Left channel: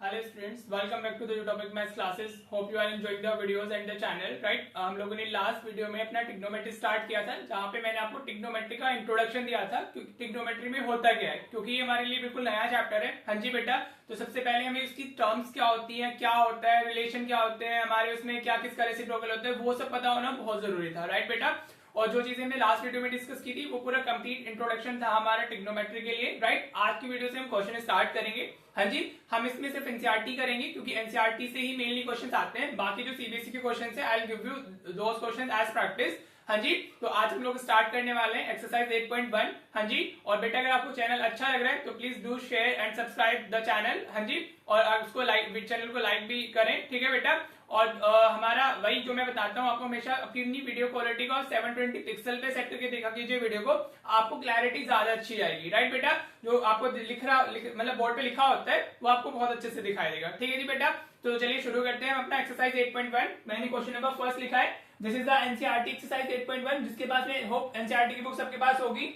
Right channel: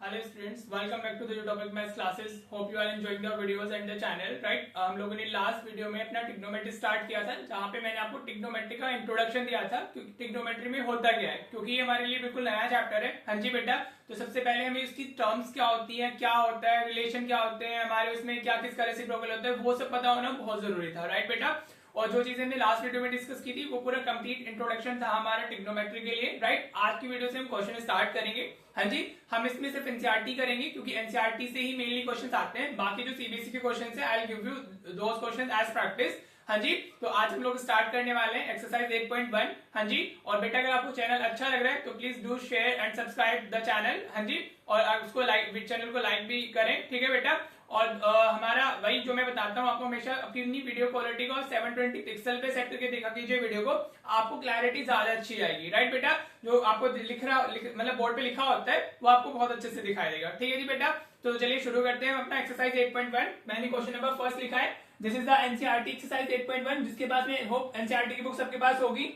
Hello students, welcome back to the topic maths classes. Hope you are enjoying the videos and the channel right. हम लोगों ने last video में अपना trigonometry start किया था, जहां पे मैंने आपको ट्रिग्नोमेट्री का इंट्रोडक्शन दिया था कि ट्रिग्नोमेट्री में होता क्या है, क्योंकि ये हमारे लिए बिल्कुल नया चैप्टर है। हाँ जी बेटा, तो सबसे पहले हमें इसकी टर्म्स क्या होती है, क्या होता है, रिलेशन क्या होते हैं, हमारे उसमें क्या किस तरह से रेसिप्रोकल होता है, वो सब पता होना बहुत जरूरी था राइट बेटा। और जो चीजें हमने लास्ट वीडियो में डिस्कस की थी वो पूरा कंप्लीट इंट्रोडक्शन था हमारा ट्रिग्नोमेट्री के लिए राइट। आज की वीडियो से हम क्वेश्चन स्टार्ट करेंगे। हाँ जी, हम इसमें सिर्फ एनसीईआरटी करेंगे क्योंकि एनसीईआरटी से ही मेनली क्वेश्चंस आते हैं। बाकी जो सीबीएसई के क्वेश्चंस है, I will give you those questions as practice. हाँ जी, तो आज हम लोग स्टार्ट करने वाले हैं एक्सरसाइज 8.1। हाँ जी, और बेटा अगर आपको चैनल अच्छा लग रहा है तो please do share and subscribe the channel. हाँ जी, और उसको लाइक, चैनल को लाइक भी करें, ठीक है बेटा। और हमारा वही जो मैं बताता हूँ आपको, हमेशा अपनी वीडियो क्वालिटी को 720 पिक्सल पे सेट करके देखा कीजिए वीडियो को, आपको क्लैरिटी ज्यादा अच्छी आएगी राइट बेटा। जो आपको मतलब बोर्ड पे लिखा होता है वो आपको बहुत अच्छे से दिखाई देगा, ठीक है जी बेटा। तो चलिए शुरू करते हैं हम अपना एक्सरसाइज 8.1। मैंने क्वेश्चन नंबर फर्स्ट लिखा है, this is the NCERT exercise 8.1। जिसके पास में होप एनसीईआरटी की बुक सबके पास होगी,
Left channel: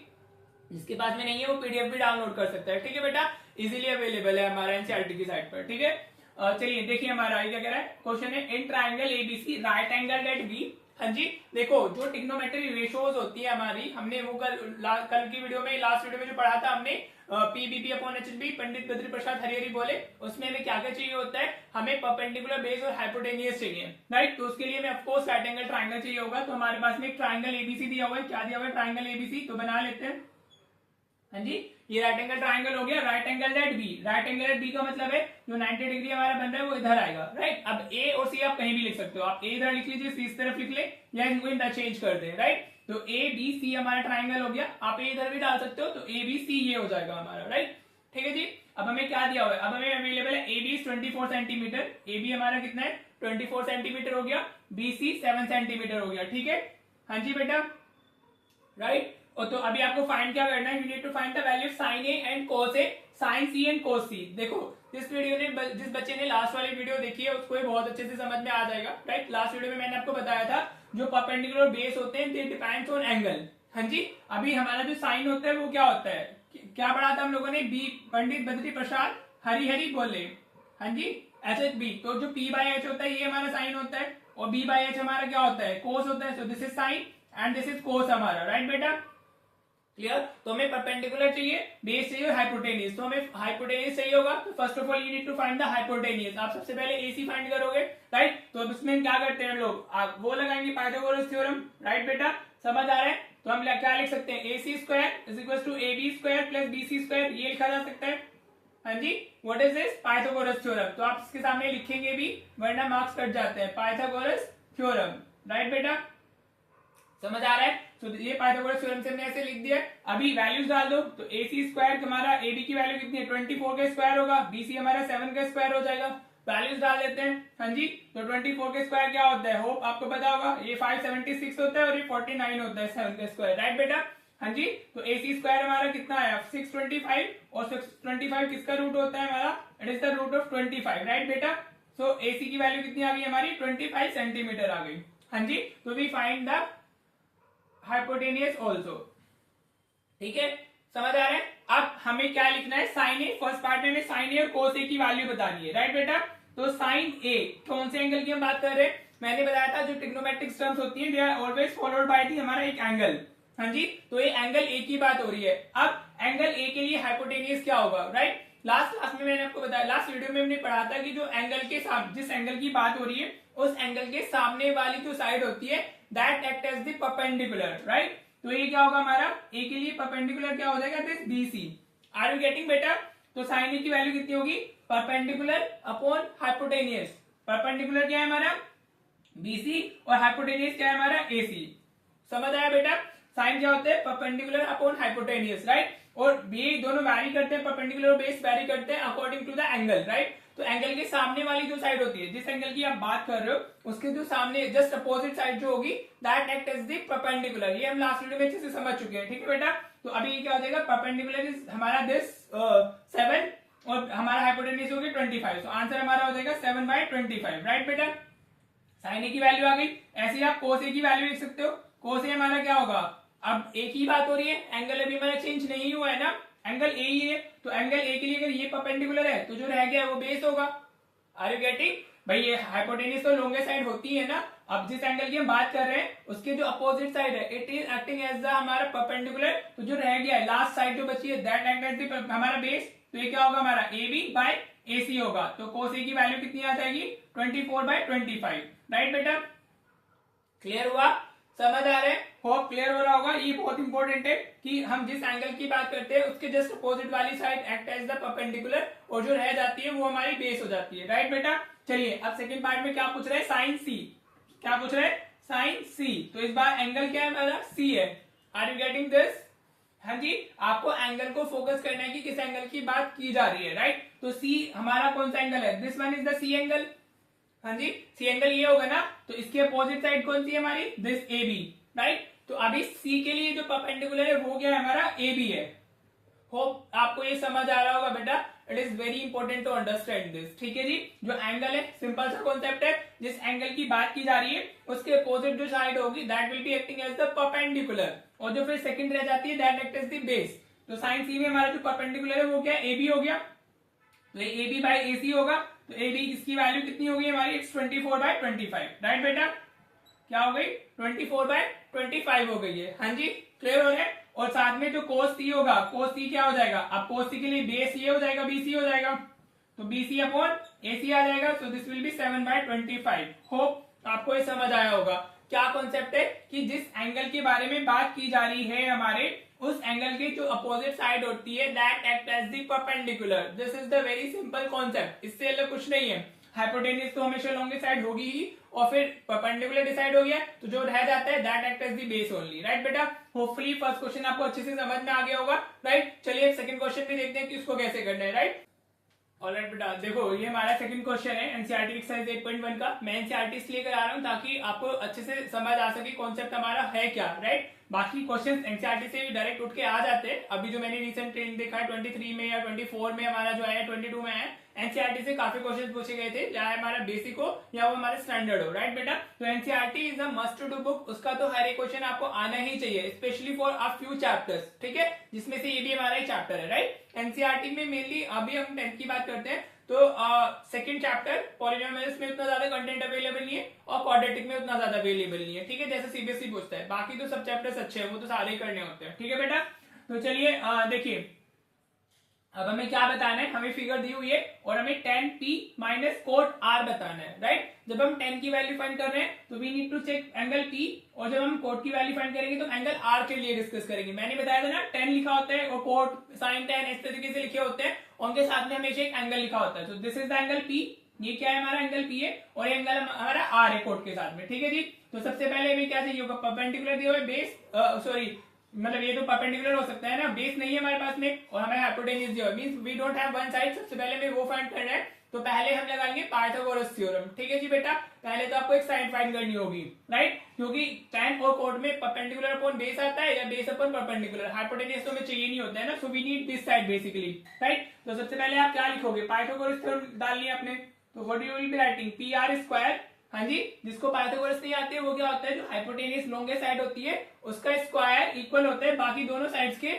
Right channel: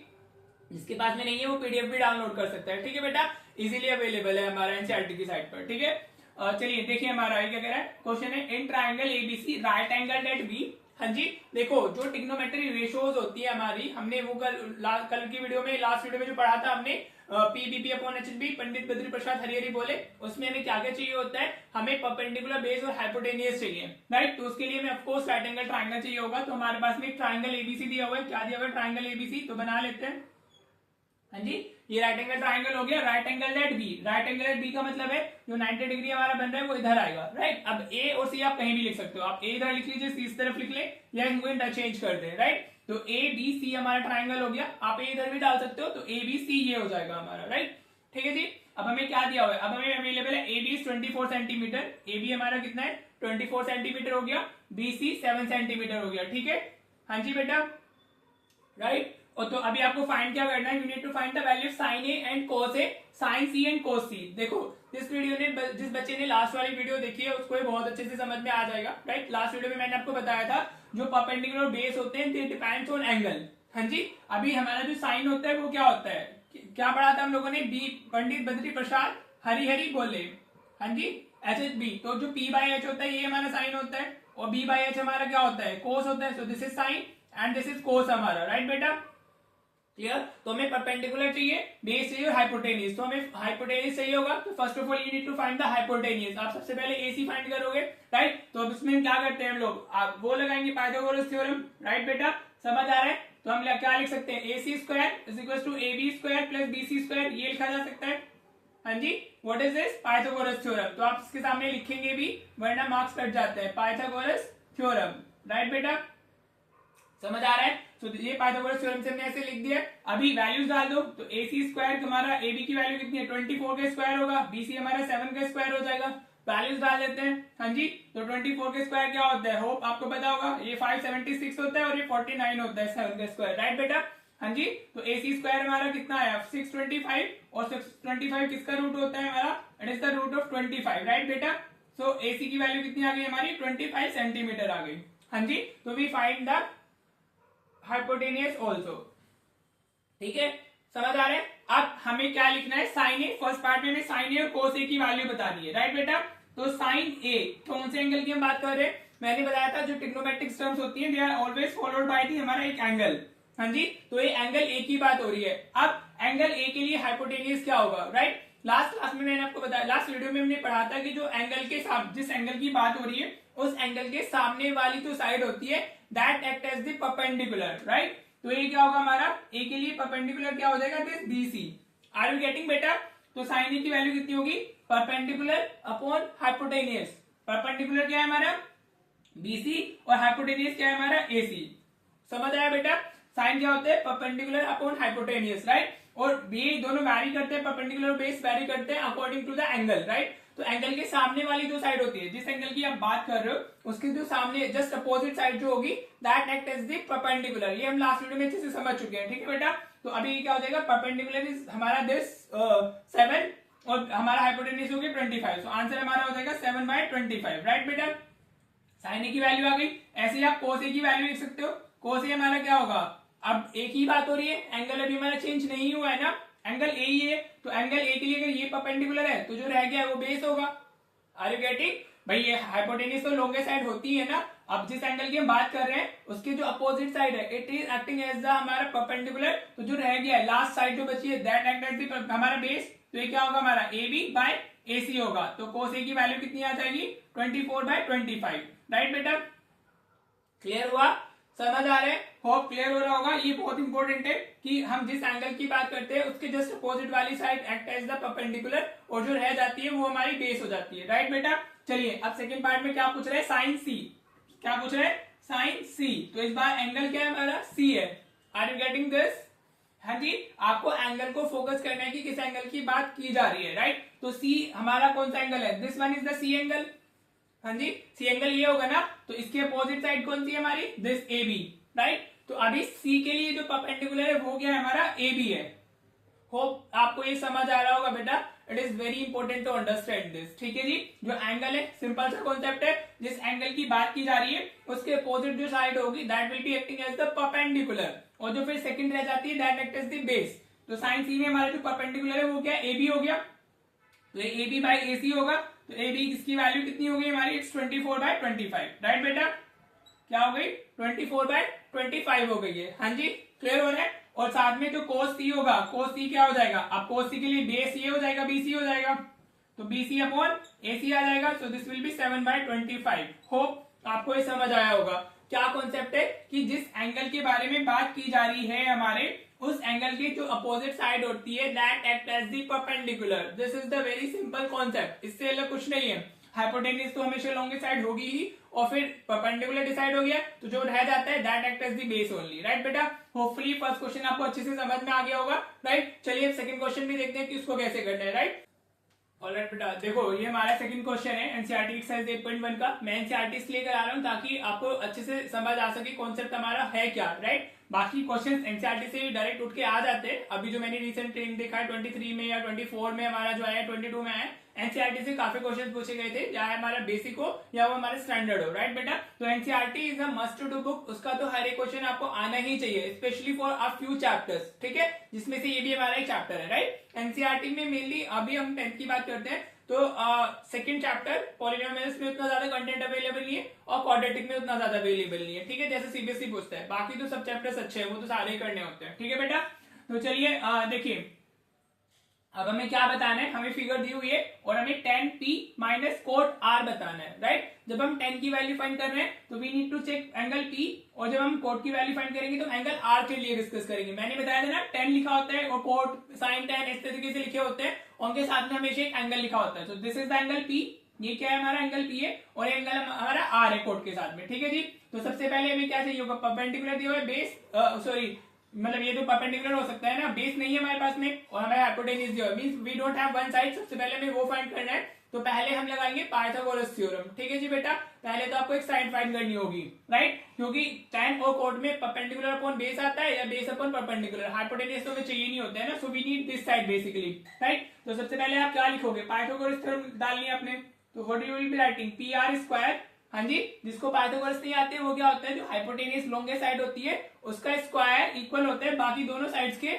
जिसके पास में नहीं है वो पीडीएफ भी डाउनलोड कर सकता है, ठीक है बेटा। इजीली अवेलेबल है हमारा एनसीईआरटी की साइट पर, ठीक है। चलिए देखिए हमारा क्या कह रहा है क्वेश्चन है, in triangle ABC right angle at B. हाँ जी, देखो जो ट्रिग्नोमेट्री रेशियोज होती है हमारी, हमने वो कल की वीडियो में, लास्ट वीडियो में जो पढ़ा था हमने, PBP upon HB, Pandit Badri Prasad हरिहरी बोले, उसमें हमें क्या क्या चाहिए होता है, हमें परपेंडिकुलर बेस और हाइपोटेनियस चाहिए राइट। तो उसके लिए हमें ऑफकोर्स राइट एंगल ट्राइंगल चाहिए होगा। तो हमारे पास में एक ट्राइंगल एबीसी दिया हुआ है, क्या दिया हुआ है, ट्राइंगल एबीसी। तो बना लेते हैं। हाँ जी, ये राइट एंगल ट्राइंगल हो गया, right angle at B. Right angle at B का मतलब है जो 90 डिग्री हमारा बन रहा है वो इधर आएगा राइट। अब ए और सी आप कहीं भी लिख सकते हो, आप ए इधर लिख लीजिए, सी इस तरफ लिख ले, या इनको इंटरचेंज कर दे राइट। तो ए बी सी हमारा ट्राइंगल हो गया, आप ए इधर भी डाल सकते हो, तो ए बी सी ये हो जाएगा हमारा राइट, ठीक है जी। अब हमें क्या दिया हुआ है, अब हमें अवेलेबल है A B 24 centimetre, A B हमारा कितना है 24 सेंटीमीटर हो गया, बी सी 7 सेंटीमीटर हो गया, ठीक है। हाँ जी बेटा राइट। और तो अभी आपको फाइंड क्या करना है, you need to find the value sine A and cos A, sine C and cos C. देखो जिस वीडियो ने, जिस बच्चे ने लास्ट वाली वीडियो देखी है उसको ये बहुत अच्छे से समझ में आ जाएगा राइट। लास्ट वीडियो में मैंने आपको बताया था जो परपेंडिकुलर बेस होते हैं दे डिपेंड्स ऑन एंगल। हाँ जी, अभी हमारा जो साइन होता है वो क्या होता है, क्या पढ़ा था हम लोगों ने, बी पंडित बद्री प्रसाद हरिहरी बोले। हाँ जी, एच एच बी, तो जो पी बाई एच होता है ये हमारा साइन होता है, और बी बाई एच हमारा क्या होता है, कोस होता है। So this is sine and this is कोस हमारा राइट बेटा, क्लियर। तो हमें परपेंडिकुलर चाहिए, बेस चाहिए, हाइपोटेनियस। तो हमें हाइपोटेनियस चाहिए होगा, तो first of all you need to find the hypotenuse. आप सबसे पहले एसी फाइंड करोगे राइट। तो अब उसमें क्या करते हैं हम लोग, आप वो लगाएंगे पाइथागोरस थ्योरम राइट बेटा, समझ आ रहा है। तो हम क्या लिख सकते हैं, A C square is equal to A B square plus B C square, ये लिखा जा सकता है। हाँ जी, what is this, Pythagoras theorem. तो आप इसके सामने लिखेंगे भी वरना मार्क्स कट जाते हैं, पाइथागोरस थ्योरम राइट बेटा, समझ आ रहा है। तो ये पाइथागोरस थ्योरम से हमने ऐसे लिख दिया। अभी वैल्यूज डाल दो, तो ए सी स्क्वायर हमारा ए बी की वैल्यू कितनी है, 24 का स्क्वायर होगा, बी सी हमारा 7 का स्क्वायर हो जाएगा। वैल्यूज डाल देते हैं। हाँ जी, तो 24 का स्क्वायर क्या होता है, होप आपको पता होगा, ये 576 होता है और ये 49 होता है 7 का स्क्वायर राइट बेटा। हाँ जी, तो ए सी स्क्वायर हमारा कितना है 625, और 625 किसका रूट होता है हमारा, it is the root of 25 right बेटा। सो ए सी की वैल्यू कितनी आ गई हमारी 25 सेंटीमीटर आ गई। हाँ जी, तो we find the hypotenuse also, ठीक है, समझ आ रहा है। अब हमें क्या लिखना है, साइन ए, फर्स्ट पार्ट में हमें साइन ए और कोस ए की वैल्यू बतानी है राइट बेटा। तो साइन ए कौन से एंगल की हम बात कर रहे हैं, मैंने बताया था जो ट्रिग्नोमेट्रिक टर्म्स होती है they are always followed by the हमारा एक एंगल। हाँ जी, तो ये एंगल ए की बात हो रही है। अब एंगल ए के लिए हाइपोटेनियस क्या होगा राइट। लास्ट क्लास में मैंने आपको बताया, लास्ट वीडियो में हमने पढ़ा था कि जो एंगल के सामने, जिस एंगल की बात हो रही है उस एंगल के सामने वाली जो साइड होती है that act as the perpendicular right. तो ये क्या होगा हमारा, ए के लिए परपेंडिकुलर क्या हो जाएगा, this B C. Are you getting बेटा। तो साइन ए की वैल्यू कितनी होगी, परपेंडिकुलर अपॉन हाइपोटेनियस। परपेंडिकुलर क्या है हमारा बीसी, और हाइपोटेनियस क्या है हमारा एसी। समझ आया बेटा, साइन क्या होते हैं परपेंडिकुलर अपॉन हाइपोटेनियस राइट। और ये दोनों वैरी करते हैं, परपेंडिकुलर बेस वैरी करते हैं according to the angle right. तो एंगल के सामने वाली जो साइड होती है, जिस एंगल की आप बात कर रहे हो उसके जो सामने जस्ट अपोजिट साइड जो होगी that act as the perpendicular. ये हम लास्ट वीडियो में अच्छे से समझ चुके हैं, ठीक है बेटा। तो अभी क्या हो जाएगा, परपेंडिकुलर इज हमारा दिस 7 और हमारा हाइपोटेनियस हो गया 25। तो आंसर हमारा हो जाएगा 7/25 राइट बेटा। साइन ए की वैल्यू आ गई, ऐसे ही आप कोस ए की वैल्यू लिख सकते हो। कोस ए हमारा क्या होगा, अब एक ही बात हो रही है, एंगल अभी हमारा चेंज नहीं हुआ है ना, एंगल ए ही है, तो एंगल ए के लिए अगर ये परपेंडिकुलर है तो जो रह गया वो बेस होगा। Are you getting? भाई ये हाइपोटेन्यूज तो लॉन्गेस्ट साइड होती है ना, अब जिस एंगल की हम बात कर रहे हैं उसकी जो अपोजिट साइड है it is acting as the हमारा परपेंडिकुलर, तो जो रह गया है लास्ट साइड जो बची है दैट एक्ट एज द हमारा बेस, तो ये क्या होगा हमारा ए बी बाय ए सी होगा। तो कोस ए की वैल्यू कितनी आ जाएगी 24/25, राइट बेटा? क्लियर हुआ? समझ आ रहे हैं? होप क्लियर हो रहा होगा। ये बहुत इंपॉर्टेंट है कि हम जिस एंगल की बात करते हैं उसके जस्ट अपोजिट वाली side act as the perpendicular और जो रह जाती है वो हमारी बेस हो जाती है, राइट बेटा? चलिए अब सेकंड पार्ट में क्या पूछ रहे हैं, साइन सी। क्या पूछ रहे हैं? Sine C. तो इस बार एंगल क्या है हमारा? सी है। Are you getting this? हाँ जी, आपको एंगल को फोकस करना है कि किस एंगल की बात की जा रही है, राइट? तो सी हमारा कौन सा एंगल है? This one is the C angle. हाँ जी, सी एंगल ये होगा ना, तो इसकी अपोजिट साइड कौन सी है हमारी? This A B, right? तो अभी सी के लिए जो परपेंडिकुलर है वो क्या है हमारा? ए बी है। होप आपको ये समझ आ रहा होगा बेटा। It is very important to understand this, ठीक है जी? जो एंगल है सिंपल सा कॉन्सेप्ट है, जिस एंगल की बात की जा रही है उसके अपोजिट जो साइड होगी that will be acting as the perpendicular, और जो फिर सेकंड रह जाती है that act as the base. तो साइन सी में हमारा जो परपेंडिकुलर है वो क्या? ए बी हो गया, तो ए बी बाई ए सी होगा। तो ए बी इसकी वैल्यू कितनी होगी हमारी? इट्स 24/25, राइट बेटा? क्या हो गई? 24/25 हो गई है। हाँ जी, क्लियर हो रहा है? और साथ में जो कोस सी होगा, कोस सी क्या हो जाएगा? अब कोस सी के लिए बेस ये हो जाएगा, बीसी हो जाएगा, तो बीसी अपॉन एसी आ जाएगा। So this will be 7/25। Hope आपको ये समझ आया होगा। क्या कॉन्सेप्ट है कि जिस एंगल के बारे में बात की जा रही है हमारे, उस एंगल की जो अपोजिट साइड होती है that act as the perpendicular. This is the very simple concept, इससे अलग कुछ नहीं है। हाइपोटेन्यूज तो हमेशा लॉन्गेस्ट साइड होगी ही, और फिर परपेंडिकुलर डिसाइड हो गया तो जो रह जाता है that act as the base only, right बेटा? होपफुली फर्स्ट क्वेश्चन आपको अच्छे से समझ में आ गया होगा, राइट? चलिए सेकंड क्वेश्चन भी देखते हैं कि उसको कैसे करना है, राइट? ऑलराइट बेटा, देखो ये हमारा सेकंड क्वेश्चन है एनसीईआरटी एक्सरसाइज 8.1 का। मैं एनसीईआरटी इसलिए करा रहा हूँ ताकि आपको अच्छे से समझ आ सके कॉन्सेप्ट हमारा है क्या, राइट? बाकी क्वेश्चन एनसीईआरटी से भी डायरेक्ट उठ के आ जाते हैं। अभी जो मैंने रिसेंट ट्रेंड देखा है 23 में या 24 में हमारा जो है 22 में है, एनसीईआरटी से काफी क्वेश्चन पूछे गए थे, चाहे हमारा बेसिक हो या वो हमारा स्टैंडर्ड हो, राइट बेटा? तो NCERT is a must to do book, उसका तो हर एक क्वेश्चन आपको आना ही चाहिए, specially for a few chapters, ठीक है? जिसमें से ये भी हमारा एक चैप्टर है, राइट? एनसीईआरटी में मेनली अभी हम 10th की बात करते हैं, तो सेकंड चैप्टर पॉलिनोमियल्स में उतना ज्यादा कंटेंट अवेलेबल नहीं है और क्वाड्रेटिक में उतना ज्यादा अवेलेबल नहीं है, ठीक है? जैसे सीबीएसई पूछता है, बाकी तो सब चैप्टर्स अच्छे हैं, वो तो सारे करने होते हैं, ठीक है बेटा? तो चलिए देखिए अब हमें क्या बताना है, हमें फिगर दी हुई है और हमें tan p minus cot r बताना है, राइट? जब हम tan की वैल्यू फाइंड कर रहे हैं तो we need to check angle p, और जब हम कोट की वैल्यू फाइंड करेंगे तो एंगल r के लिए डिस्कस करेंगे। मैंने बताया था ना tan लिखा होता है और कोट साइन tan इस तरीके से लिखे होते हैं, उनके साथ में हमेशा एक एंगल लिखा होता है। तो this is the angle p, ये क्या है हमारा एंगल p है, और ये एंगल हमारा r है कोट के साथ में, ठीक है जी? तो सबसे पहले हमें क्या चाहिए होगा? परपेंडिकुलर दिया हुआ है, बेस सॉरी मतलब ये तो परपेंडिकुलर हो सकता है ना, बेस नहीं है हमारे पास में, और हमारे हाइपोटेन्यूज दिया हुआ means we don't have one side. सबसे पहले हमें वो फाइंड करना है, तो पहले हम लगाएंगे पाइथागोरस थ्योरम, ठीक है जी बेटा? पहले तो आपको एक साइड फाइंड करनी होगी, राइट? क्योंकि tan और कोट में परपेंडिकुलर अपॉन बेस आता है या बेस अपॉन परपेंडिकुलर, हाइपोटेन्यूज तो हमें चाहिए नहीं होता है ना, so we need this side basically, right? तो सबसे पहले आप क्या लिखोगे? पाइथागोरस थ्योरम डालनी है आपने, तो what you will be writing? P R square. हाँ जी, जिसको पाइथागोरस नहीं आते वो क्या होता है, जो हाइपोटेन्यूज लॉन्गेस्ट साइड होती है उसका स्क्वायर इक्वल होता है बाकी दोनों साइड्स के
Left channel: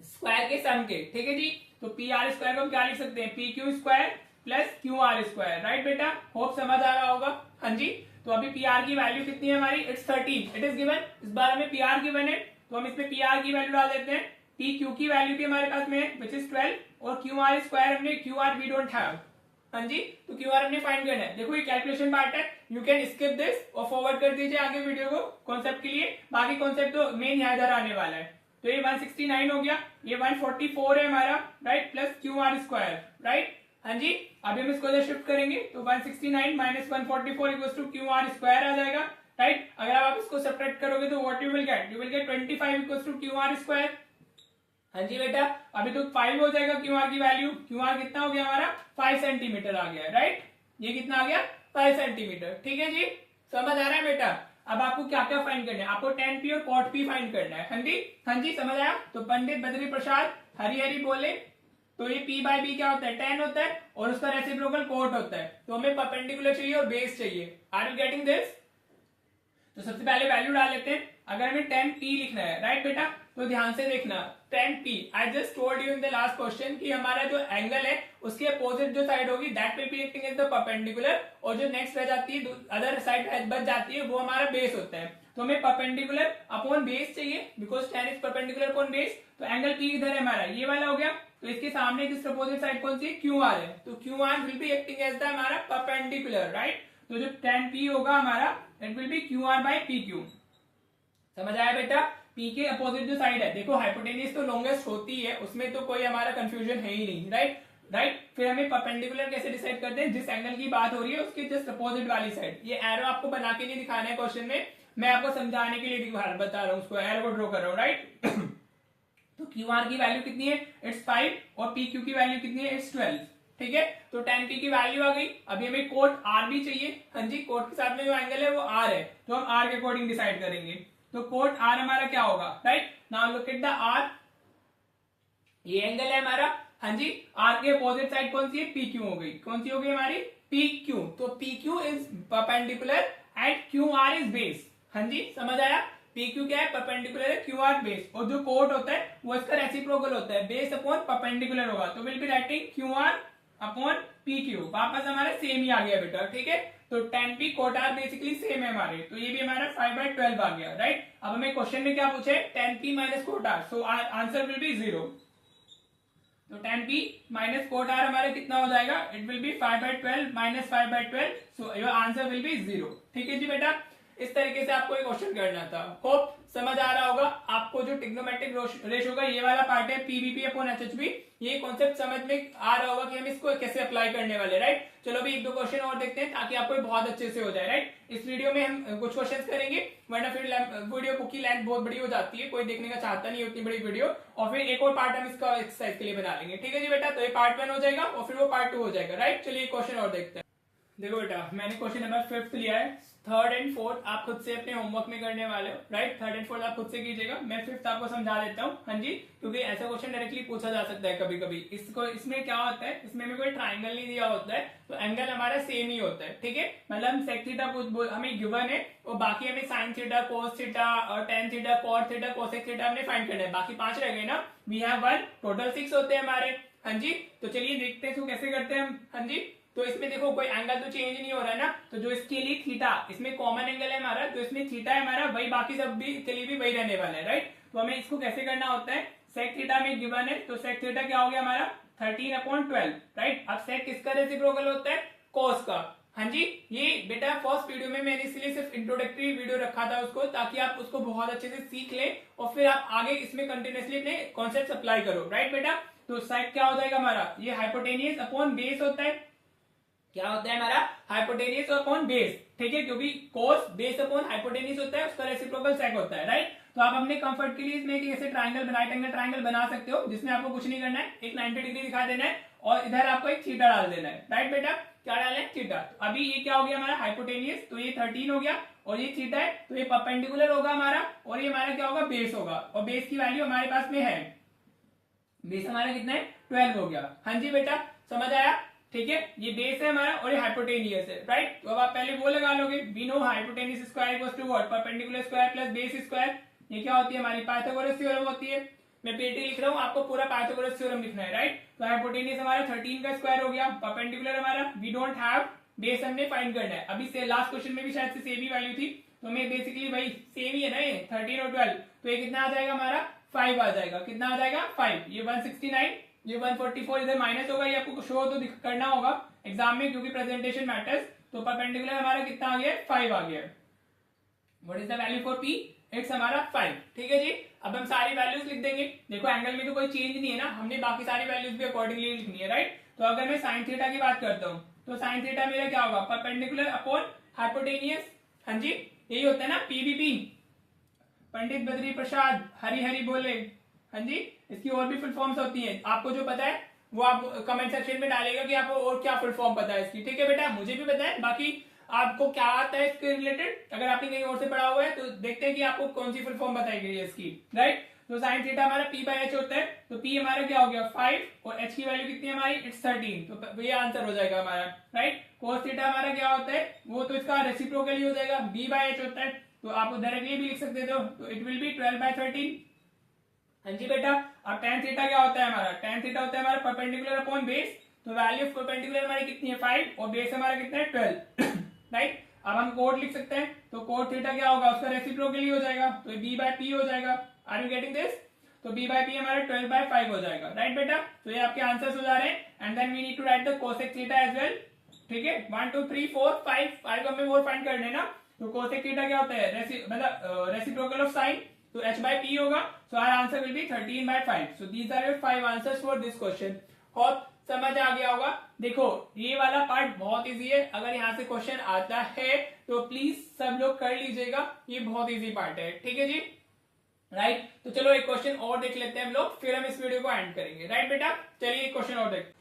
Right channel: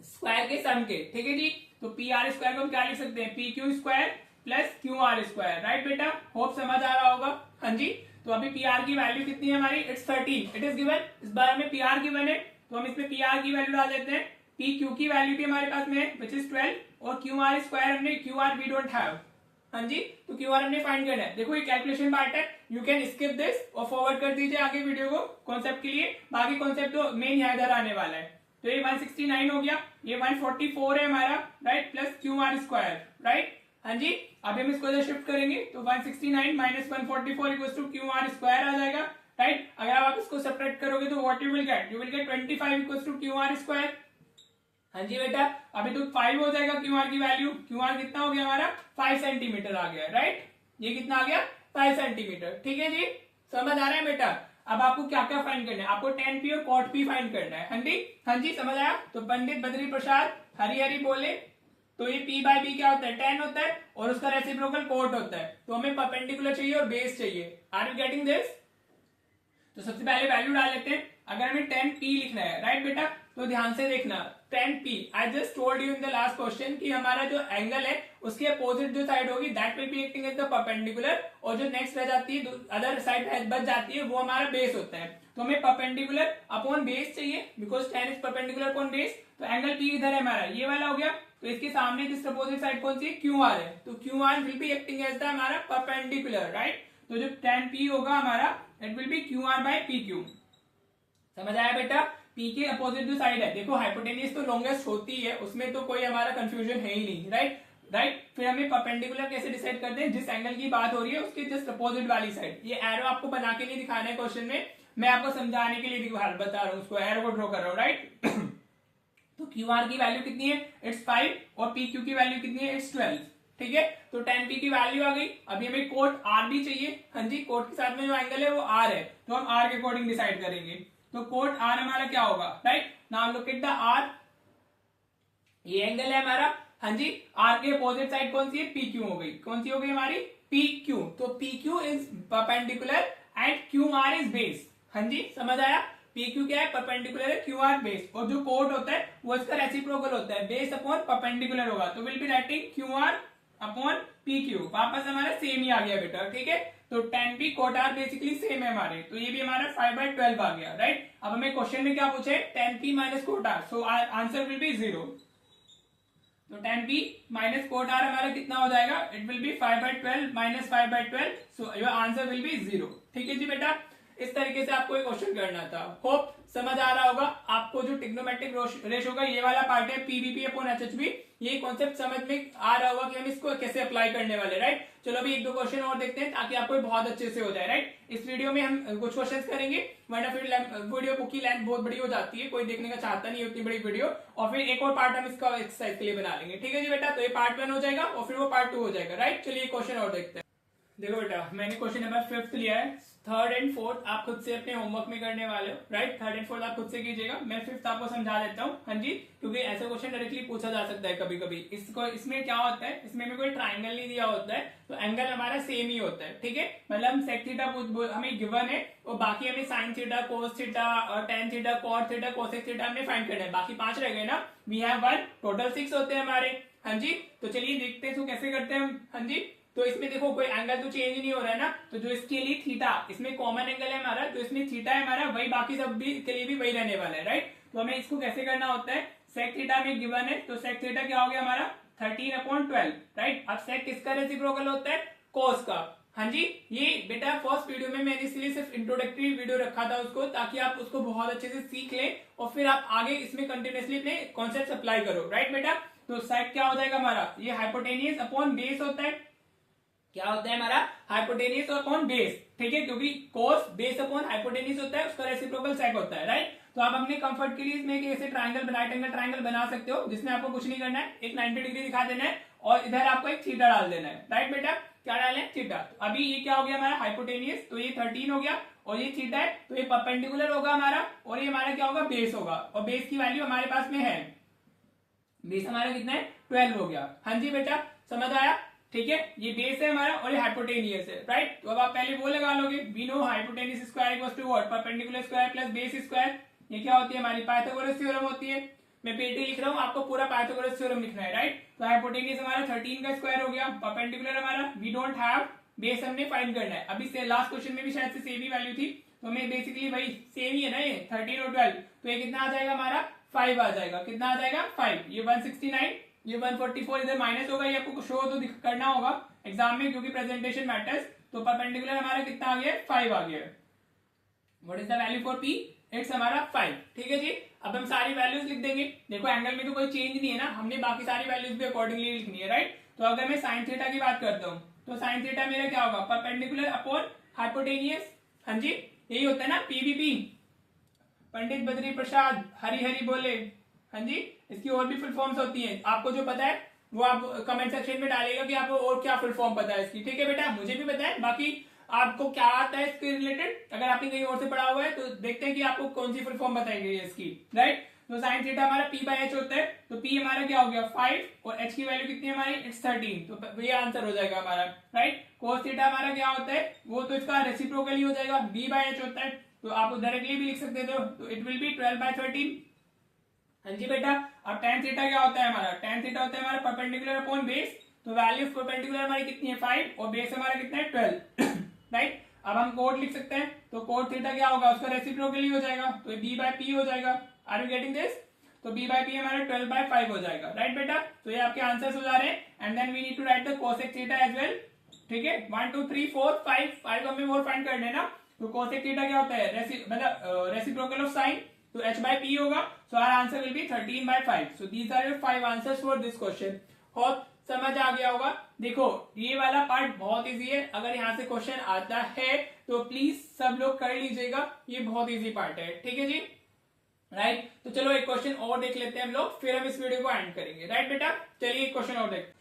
स्क्वायर के सम के, ठीक है जी? तो पी आर स्क्वायर को हम क्या लिख सकते हैं? P Q square plus Q R square, right बेटा? होप समझ आ रहा होगा। हाँ जी, तो अभी पी आर की वैल्यू कितनी है हमारी? It's 13, it is given. इस बार में पी आर गिवन है तो हम इसमें पी आर की वैल्यू डाल देते हैं। पी क्यू की वैल्यू भी हमारे पास में है विच इज 12, और क्यू आर स्क्वायर हमने Q R we don't have. हाँ जी, तो क्यू आर हमने फाइंड करना है। देखो ये कैलकुलेशन पार्ट है, यू कैन स्किप दिस और फॉरवर्ड कर दीजिए आगे वीडियो को कॉन्सेप्ट के लिए, बाकी कॉन्सेप्ट तो मेन यहाँ इधर आने वाला है। तो ये 169 हो गया, ये 144 है हमारा, right? Plus Q R square, right? हाँ जी, अभी हम इसको शिफ्ट करेंगे तो 169 minus 144 equals to Q R square आ जाएगा, राइट? अगर आप इसको सेपरेट करोगे तो what you will get? You will get 25 equals to Q R square. हाँ जी बेटा, अभी तो 5 हो जाएगा क्यू आर की वैल्यू। क्यू आर कितना हो गया हमारा? 5 सेंटीमीटर आ गया, राइट? ये कितना आ गया? 5 सेंटीमीटर, ठीक है जी? समझ आ रहा है बेटा? अब आपको क्या क्या फाइंड करना है? आपको tan p और cot p फाइंड करना है। हाँ जी, हाँ जी, समझ आया? तो पंडित बद्री प्रसाद हरी हरी बोले, तो ये p बाय b क्या होता है? tan होता है, और उसका रेसिप्रोकल cot होता है। तो हमें परपेंडिकुलर चाहिए और बेस चाहिए। Are you getting this? तो सबसे पहले वैल्यू डाल लेते हैं। अगर हमें tan p लिखना है, राइट बेटा? तो ध्यान से देखना, tan P I just told you in the last question कि हमारा जो एंगल है उसके अपोजिट जो साइड होगी that will be acting as the perpendicular, और जो नेक्स्ट रह जाती है अदर साइड बच जाती है वो हमारा बेस होता है। तो हमें परपेंडिकुलर अपॉन बेस चाहिए because tan is perpendicular upon base. तो एंगल P इधर है हमारा, ये वाला हो गया। तो इसके सामने किस अपोजिट साइड कौन सी है, QR है, तो QR will be acting as the हमारा परपेंडिकुलर, राइट। तो जो tan P होगा हमारा that will be QR by PQ। समझ आया बेटा? P के अपोजिट जो साइड है, देखो हाइपोटेन्यूज तो लॉन्गेस्ट होती है, उसमें तो कोई हमारा कंफ्यूजन है ही नहीं, राइट। फिर हमें परपेंडिकुलर कैसे डिसाइड करते हैं, जिस एंगल की बात हो रही है उसके जस्ट अपोजिट वाली साइड। ये एरो आपको बना के नहीं दिखाना है क्वेश्चन में, मैं आपको समझाने के लिए बता रहा हूँ, उसको एरो को ड्रॉ कर रहा हूँ, राइट। तो QR की वैल्यू कितनी है, इट्स 5, और PQ की वैल्यू कितनी है, इट्स 12, ठीक है। तो tan P की वैल्यू आ गई। अभी हमें कोट R भी चाहिए, हाँ जी, कोट के साथ में जो एंगल है वो R है, तो हम R के अकॉर्डिंग डिसाइड करेंगे। तो कोट R हमारा क्या होगा, right. Now look at the R, ये एंगल है हमारा, हाँ जी। R के अपोजिट साइड कौन सी है, PQ हो गई, कौन सी हो गई हमारी, PQ। तो PQ is perpendicular and QR is base, हाँ जी, समझ आया। PQ क्या है, परपेंडिकुलर है, QR बेस, और जो कोट होता है वो इसका रेसिप्रोकल होता है, बेस अपॉन परपेंडिकुलर होगा, तो will be writing QR upon PQ। वापस हमारा सेम ही आ गया बेटा, ठीक है। तो tan P cot R basically same है हमारे, तो ये भी हमारा 5/12 आ गया, राइट। अब हमें क्वेश्चन में क्या पूछे, tan P minus cot R, so answer will be 0। तो tan P minus cot R हमारा कितना हो जाएगा, it will be 5/12 minus 5/12, so your answer will be 0, ठीक है जी बेटा। इस तरीके से आपको एक क्वेश्चन करना था, होप समझ आ रहा होगा आपको। जो ट्रिग्नोमेट्रिक रेशियो का ये वाला पार्ट है PVP अपॉन HHP, ये कॉन्सेप्ट समझ में आ रहा होगा कि हम इसको कैसे अप्लाई करने वाले, राइट। चलो अभी एक दो क्वेश्चन और देखते हैं ताकि आपको बहुत अच्छे से हो जाए, राइट। इस वीडियो में हम कुछ क्वेश्चन करेंगे, वरना फिर वीडियो की लेंथ बहुत बड़ी हो जाती है, कोई देखने का चाहता नहीं उतनी बड़ी वीडियो, और फिर एक और पार्ट हम इसका एक्सरसाइज के लिए बना लेंगे, ठीक है जी बेटा। तो ये पार्ट 1 हो जाएगा और फिर वो पार्ट 2 हो जाएगा, राइट। चलिए क्वेश्चन और देखते हैं। देखो बेटा, मैंने क्वेश्चन नंबर 5 लिया है, 3rd एंड 4th आप खुद से अपने होमवर्क में करने वाले हो, राइट। 3rd एंड 4th आप खुद से कीजिएगा, मैं 5th आपको समझा देता हूँ, हाँ जी, क्योंकि ऐसा क्वेश्चन डायरेक्टली पूछा जा सकता है कभी कभी। इसमें क्या होता है, इसमें कोई ट्राइंगल नहीं दिया होता है, तो एंगल हमारा सेम ही होता है, ठीक है। मतलब सेक थीटा हमें गिवन है, और बाकी हमें साइन थीटा, कोस थीटा और tan theta, cot theta, cosec theta हमने फाइंड करना है। बाकी 5 रह गए ना, वी हैव 1, टोटल 6 होते हैं हमारे, हाँ जी। तो चलिए देखते हैं कैसे करते हैं हम, हाँ जी। तो इसमें देखो कोई एंगल तो चेंज नहीं हो रहा है ना, तो जो इसके लिए थीटा, इसमें कॉमन एंगल है हमारा, तो इसमें थीटा है हमारा, वही बाकी सब भी के लिए भी वही रहने वाला है, राइट। तो हमें इसको कैसे करना होता है, सेक थीटा में गिवन है, तो सेक थीटा क्या हो गया हमारा 13/12, राइट। अब सेक किसका रेसिप्रोकल होता है, कॉस का, हाँ जी। ये बेटा फर्स्ट वीडियो में मैंने इसलिए सिर्फ इंट्रोडक्टरी वीडियो रखा था उसको, ताकि आप उसको बहुत अच्छे से सीख ले और फिर आप आगे इसमें कंटिन्यूअसली अपने कॉन्सेप्ट अप्लाई करो, राइट बेटा। तो सेक क्या हो जाएगा हमारा, ये हाइपोटेनियस अपॉन बेस होता है, क्या होता है हमारा, हाइपोटेनियस अपॉन बेस, ठीक है, क्योंकि कोस बेस अपॉन हाइपोटेनियस होता है, उसका रेसिप्रोकल सेक होता है, राइट। तो आप अपने कंफर्ट के लिए इसमें एक ऐसे ट्राइंगल बना सकते हो, जिसमें आपको कुछ नहीं करना है, एक 90 डिग्री दिखा देना है और इधर आपको एक थीटा डाल देना है, राइट बेटा। क्या डालना है, थीटा। अभी ये क्या हो गया हमारा हाइपोटेनियस, तो ये 13 हो गया, और ये थीटा है, तो ये परपेंडिकुलर होगा हमारा, और ये हमारा क्या होगा, बेस होगा, और बेस की वैल्यू हमारे पास में है, बेस हमारा कितना है 12 हो गया, हाँ जी बेटा, समझ आया, ठीक है। ये बेस है हमारा और ये हाइपोटेनियस है, राइट। तो अब आप पहले वो लगा लोगे, we know hypotenuse square equals to what, perpendicular square plus base square. ये क्या होती है हमारी पाइथागोरस थ्योरम होती है, मैं पेटी लिख रहा हूँ, आपको पूरा पाइथागोरस थ्योरम लिखना है, राइट। तो हाइपोटेनियस हमारा 13 का स्क्वायर हो गया, परपेंडिकुलर हमारा वी डोंट हैव, बेस हमने फाइंड करना है। अभी से लास्ट क्वेश्चन में भी शायद से सेम ही वैल्यू थी, तो हमें बेसिकली वही सेम ही है ना, ये 13 और 12, तो ये कितना आ जाएगा हमारा 5 आ जाएगा, कितना आ जाएगा 5, ये 169, ये 144 इधर माइनस होगा, ये आपको शो तो करना होगा एग्जाम में क्योंकि प्रेजेंटेशन मैटर्स। तो परपेंडिकुलर हमारा कितना आ गया, 5 आ गया। What is the value for P, it's हमारा 5, ठीक है जी। अब हम सारी वैल्यूज लिख देंगे, देखो एंगल में तो कोई चेंज नहीं है ना, हमने बाकी सारी वैल्यूज भी अकॉर्डिंगली लिखनी है, राइट। तो अगर मैं साइन थीटा की बात करता हूँ, तो साइन थीटा मेरा क्या होगा, परपेंडिकुलर अपॉन हाइपोटेनियस, हाँ जी, यही होता है ना PVP, पंडित बद्री प्रसाद हरी हरी बोले, हाँ जी। इसकी और भी फुल फॉर्म्स होती हैं, आपको जो पता है वो आप कमेंट सेक्शन में डालेगा कि आपको और क्या फुल फॉर्म पता है इसकी, ठीक है बेटा, मुझे भी पता है, बाकी आपको क्या आता है इसके रिलेटेड, अगर आपने कहीं और से पढ़ा हुआ है तो देखते हैं कि आपको कौन सी फुल फॉर्म बताई गई है इसकी, राइट। तो साइन थीटा हमारा P/H होता है, तो P हमारा क्या हो गया 5 और H की वैल्यू कितनी हमारी, इट्स 13, तो ये आंसर हो जाएगा हमारा, राइट। कोस थीटा हमारा क्या होता है, वो तो इसका रेसिप्रोकल ही हो जाएगा, B/H होता है, तो आप डायरेक्टली भी लिख सकते हो, तो इट विल बी 12/13, हाँ जी बेटा, अब tan थीटा क्या होता है हमारा, tan थीटा होता है हमारा परपेंडिकुलर अपॉन बेस, तो वैल्यू ऑफ परपेंडिकुलर हमारी कितनी है 5 और बेस हमारा कितना है 12 राइट। अब हम कोड लिख सकते हैं, तो कोड थीटा क्या होगा, उसका रेसिप्रोकली हो जाएगा, तो b बाय पी हो जाएगा। आर यू गेटिंग दिस, तो b बाय पी हमारा 12/5 हो जाएगा, राइट बेटा। तो ये आपके आंसर्स हो जा रहे हैं, and then we need to write the cosec theta as well, ठीक है। 1 2 3 4 5 हमें और फाइंड करने ना, तो कोसेक थीटा क्या होता है, मतलब रेसिप्रोकल ऑफ साइन, तो h by p होगा, so our answer will be 13/5। so these are your 5 answers for this question। Hope समझ आ गया होगा। देखो ये वाला पार्ट बहुत इजी है, अगर यहाँ से क्वेश्चन आता है तो प्लीज सब लोग कर लीजिएगा, ये बहुत इजी पार्ट है, ठीक है जी, राइट। तो चलो एक क्वेश्चन और देख लेते हैं हम लोग, फिर हम इस वीडियो को एंड करेंगे, राइट बेटा। चलिए एक क्वेश्चन और देखते हैं।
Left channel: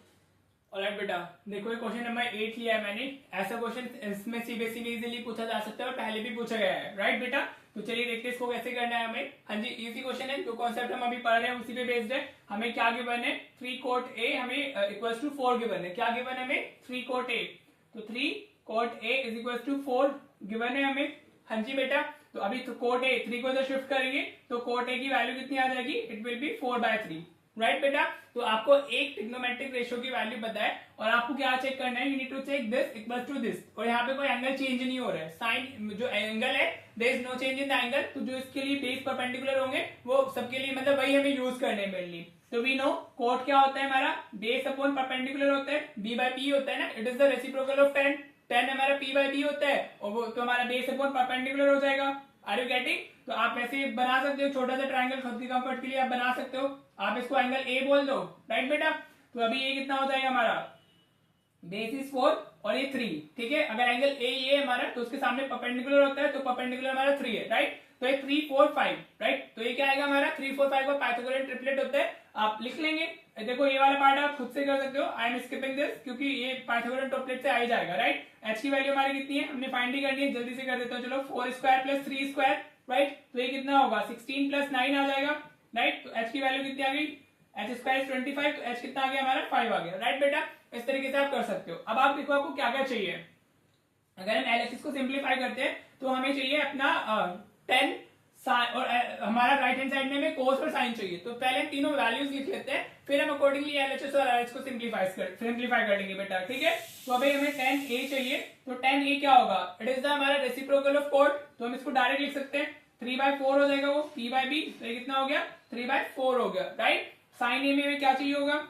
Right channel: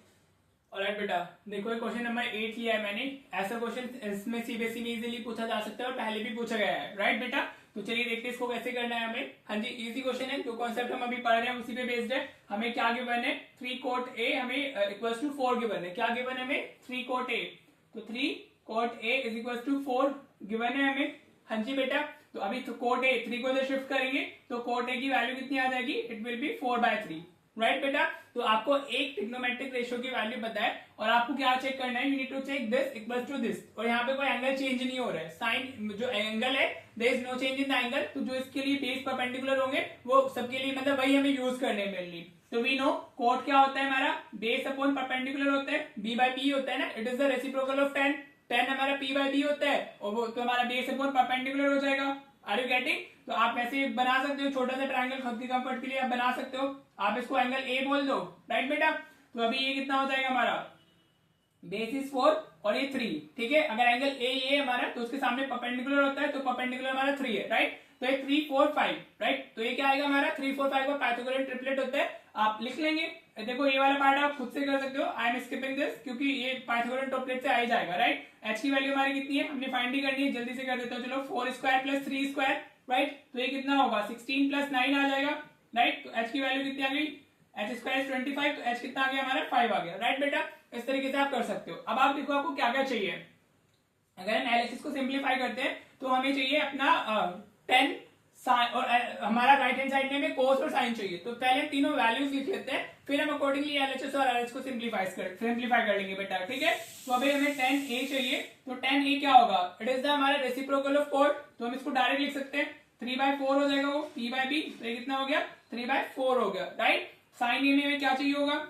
ऑलराइट बेटा, देखो ये क्वेश्चन नंबर 8 लिया है मैंने। ऐसा क्वेश्चन इसमें सीबीएसई में इजीली पूछा जा सकता है और पहले भी पूछा गया है, राइट बेटा। तो चलिए देखते हैं इसको कैसे करना है हमें। हाँ जी, इजी क्वेश्चन है, जो कॉन्सेप्ट हम अभी पढ़ रहे हैं उसी पे बेस्ड है। हमें क्या गिवन है, 3 cot a हमें इक्वल्स टू 4 गिवन है। क्या गिवन है हमें, 3 cot a, तो 3 cot a is equals to 4 given है हमें। हाँ जी बेटा, तो अभी तो cot a 3 को इधर शिफ्ट करेंगे तो cot a की वैल्यू कितनी आ जाएगी, इट विल बी 4/3, राइट बेटा। तो आपको एक ट्रिग्नोमेट्रिक रेशियो की वैल्यू पता है और आपको क्या चेक करना है, you need to check this equals to this, और यहाँ पे कोई एंगल चेंज नहीं हो रहा है, साइन जो एंगल है there is no change in the angle, तो जो इसके लिए बेस परपेंडिकुलर होंगे वो सबके लिए मतलब वही हमें यूज करने हैं मेनली। तो वी नो कोट क्या होता है हमारा, बेस अपॉन परपेंडिकुलर होता है, b बाय p होता है ना, it is the reciprocal of tan, tan हमारा p बाय b होता है और वो तो हमारा बेस अपॉन परपेंडिकुलर हो जाएगा। आर यू गेटिंग, तो आप ऐसे बना सकते हो, छोटा सा ट्रायंगल खुद की कंफर्ट के लिए आप बना सकते हो, आप इसको एंगल ए बोल दो, राइट बेटा। तो अभी ये कितना हो जाएगा हमारा, बेस इज 4 और ये 3, ठीक है। अगर एंगल ए ये हमारा तो उसके सामने परपेंडिकुलर होता है, तो परपेंडिकुलर हमारा 3 है, राइट। तो ये 3 4 5, राइट। तो ये क्या आएगा हमारा 3 4 5 का पाइथागोरियन ट्रिपलेट होता है, आप लिख लेंगे। देखो ये वाला पार्ट आप खुद से कर सकते हो, आई एम स्किपिंग दिस क्योंकि ये पाइथागोरियन ट्रिपलेट से आ ही जाएगा, राइट। एच की वैल्यू हमारी कितनी है, हमने फाइंड ही करनी है, जल्दी से कर देता हूँ, चलो 4 स्क्वायर प्लस 3 स्क्वायर, राइट। तो ये कितना होगा 16 प्लस 9 आ जाएगा, राइट। तो एच की वैल्यू कितनी आ गई, एच स्क्वायर 25, तो एच कितना आ गया हमारा 5 आ गया, राइट बेटा। इस तरीके से आप कर सकते हो। अब आप देखो आपको क्या क्या चाहिए, अगर हम एलएचएस को सिंप्लीफाई करते हैं तो हमें चाहिए अपना 10 और हमारा राइट हैंड साइड में हमें कोस और साइन चाहिए, तो पहले तीनों वैल्यूज लिख लेते हैं, फिर हम अकॉर्डिंगली एलएचएस और आरएच को सिंप्लीफाई कर लेंगे बेटा, ठीक है। तो अभी हमें 10a चाहिए, तो 10a क्या होगा, इट इज द हमारा रेसिप्रोकल ऑफ कोड, तो हम इसको डायरेक्ट लिख सकते हैं, 3/4 हो जाएगा वो p बाय b, तो ये कितना हो गया 3/4 हो गया, राइट। साइन ए में हमें क्या चाहिए होगा,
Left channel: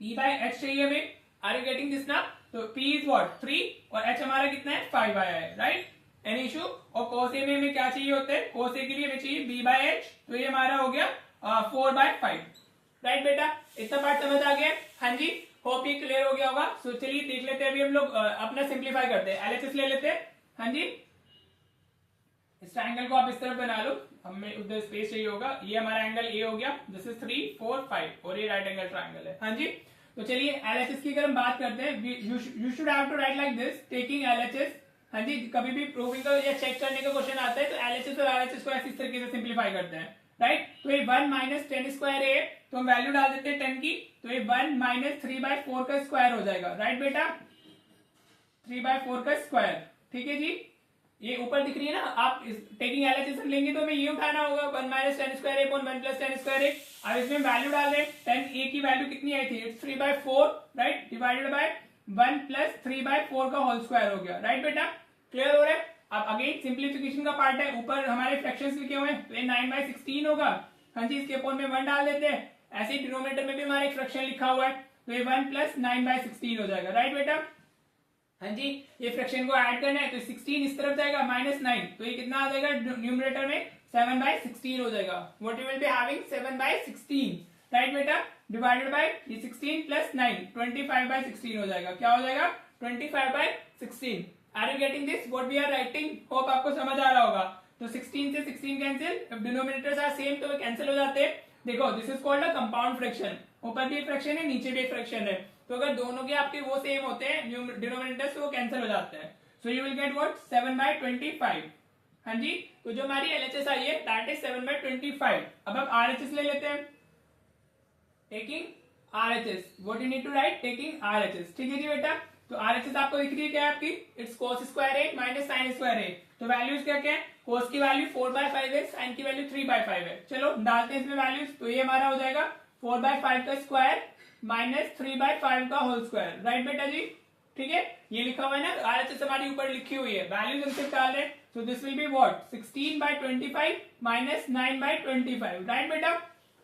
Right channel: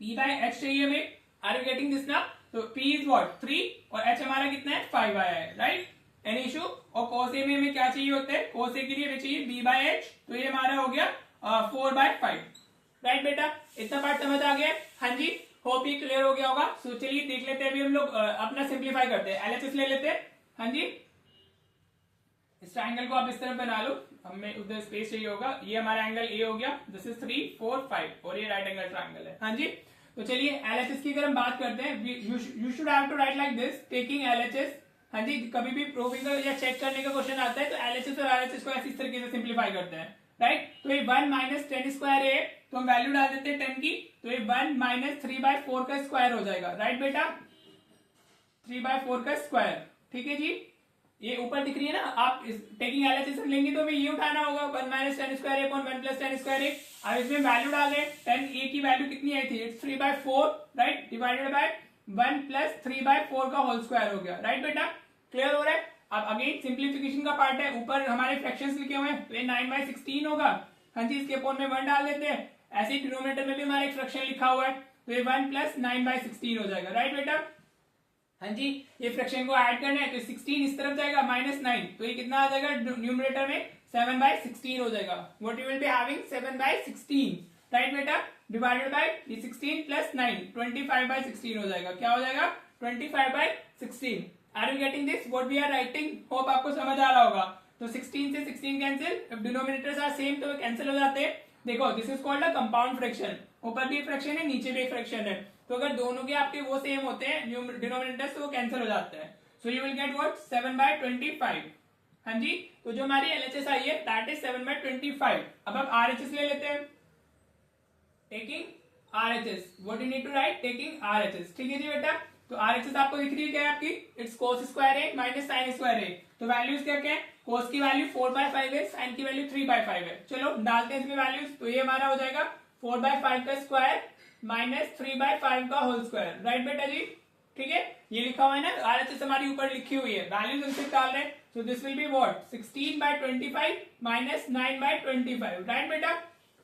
p बाय h चाहिए हमें, आर यू गेटिंग दिस ना। तो p इज व्हाट 3 और h हमारा कितना है 5 आया है, राइट, एनी इशू। और cos a में हमें क्या चाहिए होता है, cos a के लिए हमें चाहिए b बाय h, तो ये हमारा हो गया 4/5, राइट बेटा। इतना पार्ट समझ आ गया, हाँ जी, होप ये क्लियर हो गया होगा। सो चलिए देख लेते हैं, अभी हम लोग अपना सिंप्लीफाई करते हैं, एलएचएस ले लेते हैं। हाँ जी, इस ट्रायंगल को आप इस तरफ बना लो, हमें उधर स्पेस चाहिए होगा, ये हमारा एंगल ए हो गया, दिस इज 3 4 5 और ये राइट एंगल ट्रायंगल है, हाँ जी। तो चलिए एलएचएस की अगर हम बात करते हैं, you should have to write like this, taking LHS. हाँ जी, कभी भी प्रूविंग का या चेक करने का क्वेश्चन आता है तो एलएचएस और आरएचएस को ऐसी तरीके से सिंप्लीफाई करते हैं, राइट। तो ये 1 माइनस 10 स्क्वायर है, तो हम वैल्यू डाल देते हैं 10 की, तो ये 1 माइनस 3/4 का स्क्वायर हो जाएगा, राइट बेटा, 3/4 का स्क्वायर, ठीक है जी। ये ऊपर दिख रही है ना, आप टेकिंग एलएचएस लेंगे तो हमें ये उठाना होगा 1 minus 10 square upon 1 plus 10 square. अब इसमें वैल्यू डाल रहे हैं, 10a की वैल्यू कितनी आई थी, it's 3/4, right, divided by 1 plus 3/4 का होल स्क्वायर हो गया, राइट बेटा, क्लियर हो रहा है। अब अगेन सिंप्लीफिकेशन का पार्ट है, ऊपर हमारे फ्रैक्शंस लिखे हुए हैं, तो ये 9/16 होगा, हाँ जी, इसके अपॉन में 1 डाल देते हैं। ऐसे ही डिनोमिनेटर में भी हमारा एक फ्रैक्शन लिखा हुआ है, तो ये 1 प्लस 9/16 हो जाएगा, राइट बेटा। हाँ जी, ये फ्रैक्शन को ऐड करना है, तो 16 इस तरफ जाएगा -9, तो ये कितना आ जाएगा न्यूमरेटर में 7/16 हो जाएगा, what you will be having 7/16, right बेटा, डिवाइडेड बाय ये 16 प्लस 9 25/16 हो जाएगा, क्या हो जाएगा 25/16। Are you getting this, what we are writing, hope आपको समझ आ रहा होगा। तो 16 से 16 कैंसिल, डिनोमिनेटर्स आर सेम तो कैंसिल हो जाते हैं। देखो this is called a compound fraction, ऊपर भी एक फ्रैक्शन है नीचे भी एक फ्रैक्शन है, तो अगर दोनों के आपके वो सेम होते हैं डिनोमिनेटर्स, तो वो कैंसिल हो जाते हैं, so you will get what 7/25। हाँ जी, तो जो हमारी एलएचएस आई है दैट इज 7/25। अब हम आरएचएस ले लेते हैं, taking RHS, what you need to write, taking RHS, ठीक है जी बेटा। तो आरएचएस आपको दिख रही है क्या है आपकी, it's cos square A minus sine square A, तो वैल्यूज क्या क्या है, कोस की वैल्यू 4/5 है, साइन की वैल्यू 3/5 है। चलो डालते हैं इसमें वैल्यूज, तो ये हमारा हो जाएगा 4/5 का स्क्वायर माइनस 3/5 का होल स्क्वायर। राइट बेटा जी, ठीक है, ये लिखा हुआ है ना, RHS हमारी ऊपर लिखी हुई है, वैल्यूज हम सिर्फ डाल रहे हैं। So this will be what 16/25 minus 9/25। Right बेटा,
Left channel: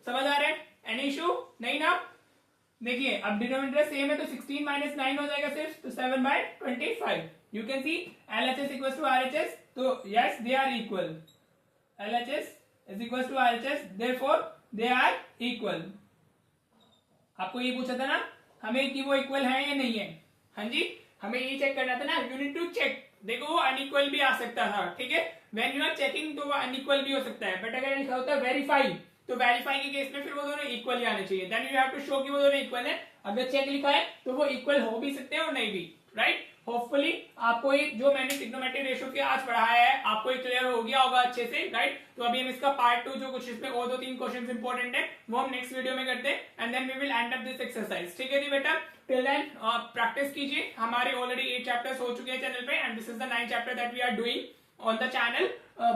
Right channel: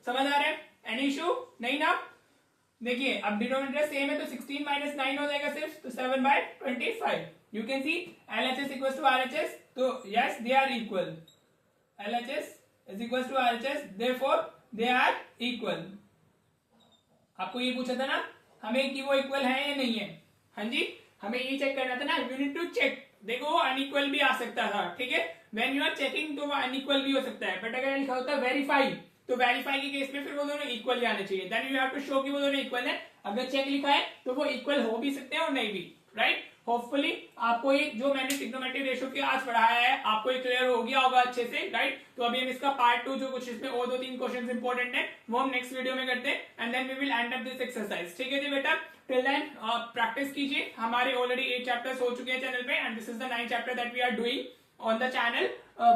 समझ आ रहा है? एनी इशू नहीं ना? देखिए अब डिनोमिनेटर सेम है तो 16 माइनस 9 हो जाएगा सिर्फ, तो 7/25। You can see LHS equal to RHS, तो yes they are equal. LHS is equal to RHS, therefore they are equal. आपको ये पूछा था ना हमें कि वो इक्वल है या नहीं है? हाँ जी, हमें ये चेक करना था ना, यू नीड टू चेक। देखो वो अनइक्वल भी आ सकता था, ठीक है, व्हेन यू आर चेकिंग तो वो अनइक्वल भी हो सकता है, बट अगर लिखा होता है वेरीफाई, तो वेरीफाई के केस में फिर वो दोनों इक्वल ही आने चाहिए। Then you have to show कि वो दोनों इक्वल है। अगर चेक लिखा है तो वो इक्वल हो भी सकते हैं और नहीं भी। राइट, होपफुली आपको ये जो मैंने ट्रिग्नोमेट्रिक रेशियो के आज पढ़ाया है आपको ये क्लियर हो गया होगा अच्छे से। राइट, तो अभी हम इसका पार्ट 2 जो कुछ इसमें और 2-3 क्वेश्चंस इंपॉर्टेंट है वो हम नेक्स्ट वीडियो में करते हैं, and then we will end up this exercise. ठीक है जी बेटा, टिल देन प्रैक्टिस कीजिए। हमारे ऑलरेडी 8 चैप्टर्स हो चुके हैं चैनल पे, and this is the 9th chapter that we are doing on the channel.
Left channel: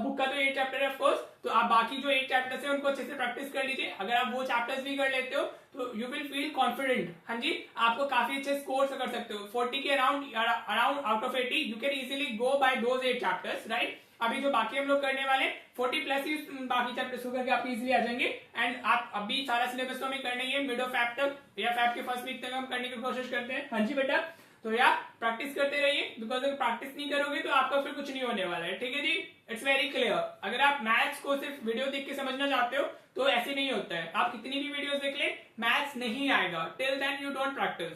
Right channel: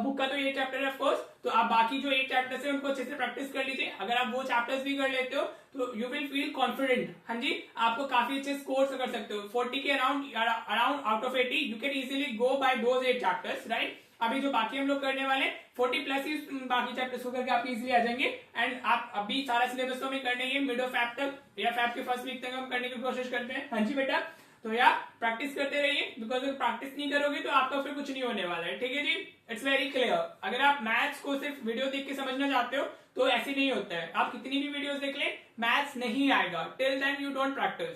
Book का तो 8 चैप्टर है ऑफ कोर्स, तो आप बाकी जो 8 चैप्टर्स है उनको अच्छे से प्रैक्टिस कर लीजिए। अगर आप वो चैप्टर्स भी कर लेते हो तो यू विल फील कॉन्फिडेंट। हाँ जी, आपको काफी अच्छे स्कोर्स कर सकते हो, 40 के around out of 80 you can easily go by those 8 chapters. Right, अभी जो बाकी हम लोग करने वाले 40 प्लस ही बाकी चैप्टर्स को करके आप इजीली आ जाएंगे। एंड आप अभी सारा सिलेबस तो हमें करना ही है, मिड ऑफ फैब तक या फैब के फर्स्ट वीक तक हम करने की कोशिश करते हैं। हाँ जी बेटा, तो यार प्रैक्टिस करते रहिए, बिकॉज अगर प्रैक्टिस नहीं करोगे तो आपका फिर कुछ नहीं होने वाला है। ठीक है जी, इट्स वेरी क्लियर। अगर आप मैथ्स को सिर्फ वीडियो देख के समझना चाहते हो तो ऐसे नहीं होता है, आप कितनी भी वीडियोस देख ले मैथ्स नहीं आएगा till then you don't practice.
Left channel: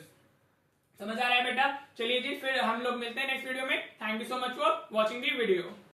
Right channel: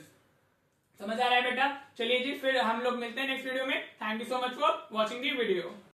समझ आ रहा है बेटा? चलिए जी, फिर हम लोग मिलते हैं नेक्स्ट वीडियो में। Thank you so much for watching the video.